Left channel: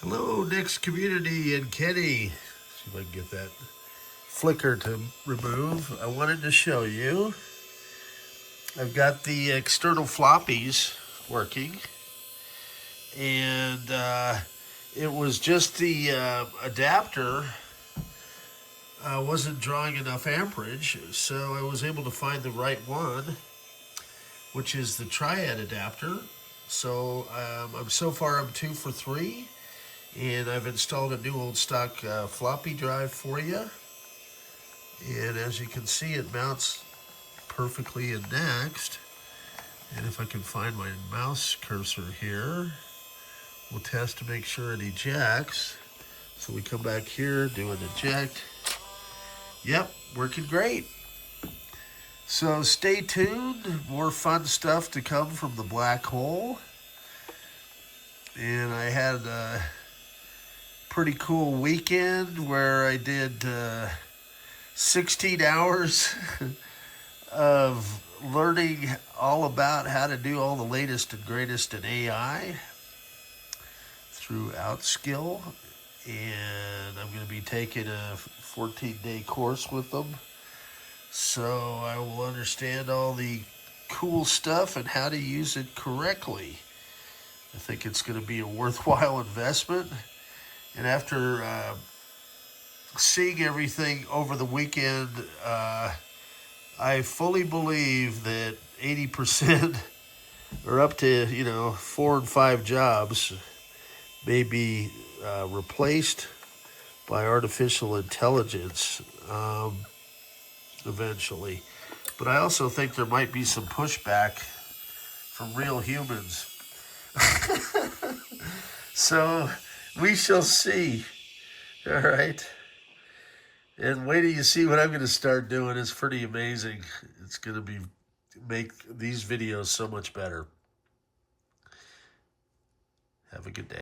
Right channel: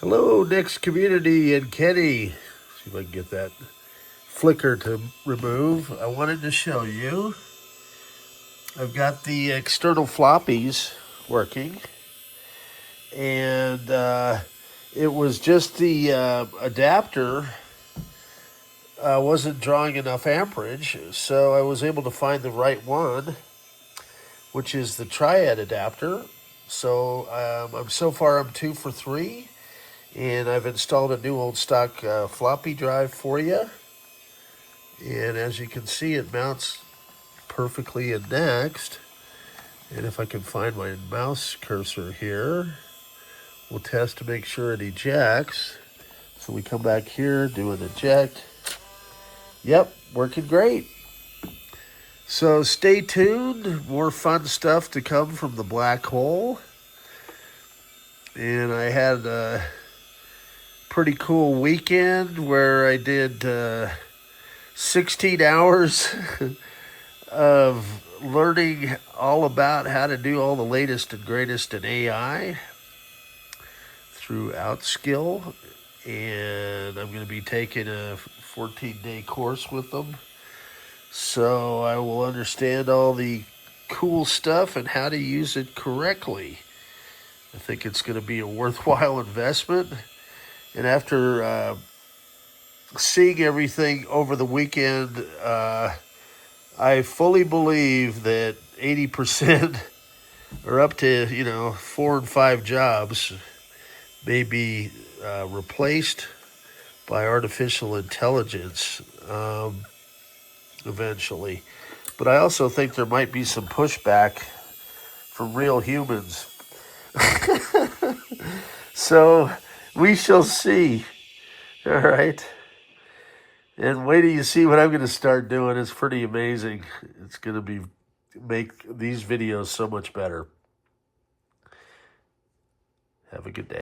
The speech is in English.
Hello, NeXT community and Kenny. See if I can get that flicker to remove. I wanted to show you. I've got the external floppies working, and it was just the adapter wasn't drawing enough amperage, so I was able to find the right one, which is the Triad adapter. So so far I'm 2 for 3. And I've installed a new old stock floppy drive for you. And as you can see, it mounts perfectly in NeXT. And if I can find my mouse cursor here, we'll test to make sure it ejects. So we come back here, do an eject. Yep, working great. So stay tuned, more fun stuff to come from the black hole. And I had pretty cool weekend where I did 16 hours of learning all about how to do all the latest and greatest in AI through Outskill, and I'm going to be taking a 14-day course with them, so I will understand all the cool stuff and how to use it correctly. I think it's going to be a worthwhile investment. And after seeing everything over the weekend, I fully believe that 80% or up to 4 and 5 jobs may be replaced by artificial intelligence eventually. But I also think there might be some pushback from real humans. So we shall see. All right. And wait till you see what I'm going to start doing. It's pretty amazing. It's going to make these videos so much better. Have a good day.